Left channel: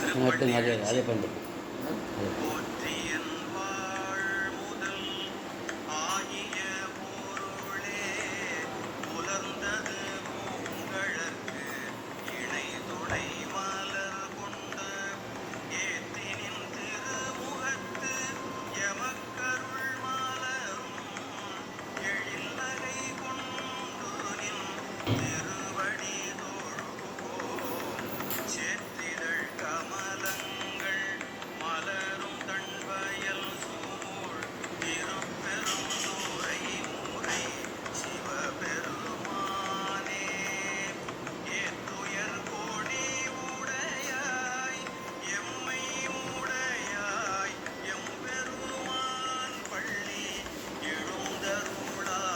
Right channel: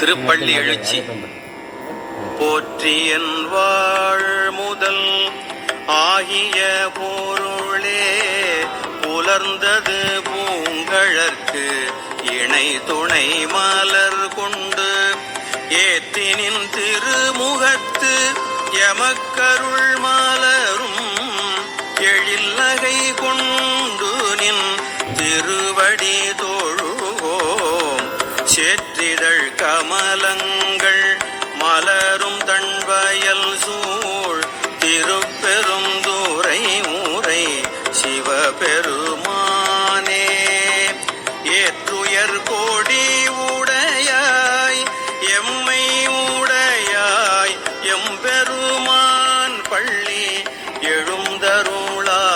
திருப்பள்ளி எழுச்சி. போற்றியன் வாழ் முதல் ஆகிய பொருளே புலர்ந்தது பூங்கழற்கு இணை துணை மலர் கொண்டு ஏற்றினின் திருமுகத்து எமக்கருள் மலரும் எழில்நகை கொண்டு நின் திருவடி தொழுவோம். சேற்றிதழ் கமலங்கள் மலரும் தன்வயல் சூழ் திருப்பெரும் தூரை ஊரை சிவபெருமானே. ஏற்றுயர் கோடி உடையாய் எம்மை உடையாய் எம்பெருமான் பள்ளி எழுந்தருளாயே.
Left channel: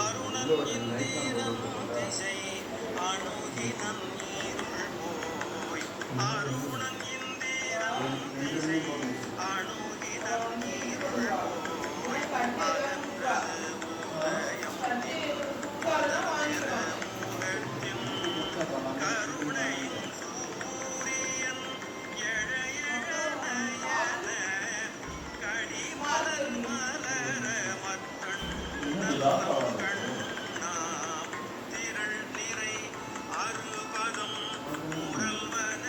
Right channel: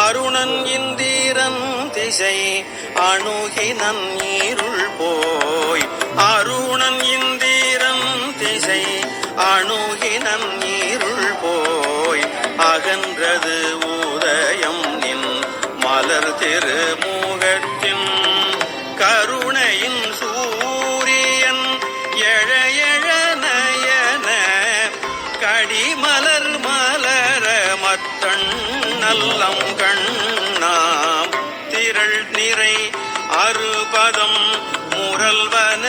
அருணன் இந்திரன் திசை அணுகினன் நீருள் போய் அருணன் இந்திரன் திசை அணுகினன் நீருள் போய் அகன்றது உதயம் நின் மலர் திருமுகத்தின் கருணையின் சூரியன் எழ எழ நயன கடிமலர் மலர மத்தன் நல்லம் கண்ணாம் திரள் நிறை அறுபதம் முரல்வன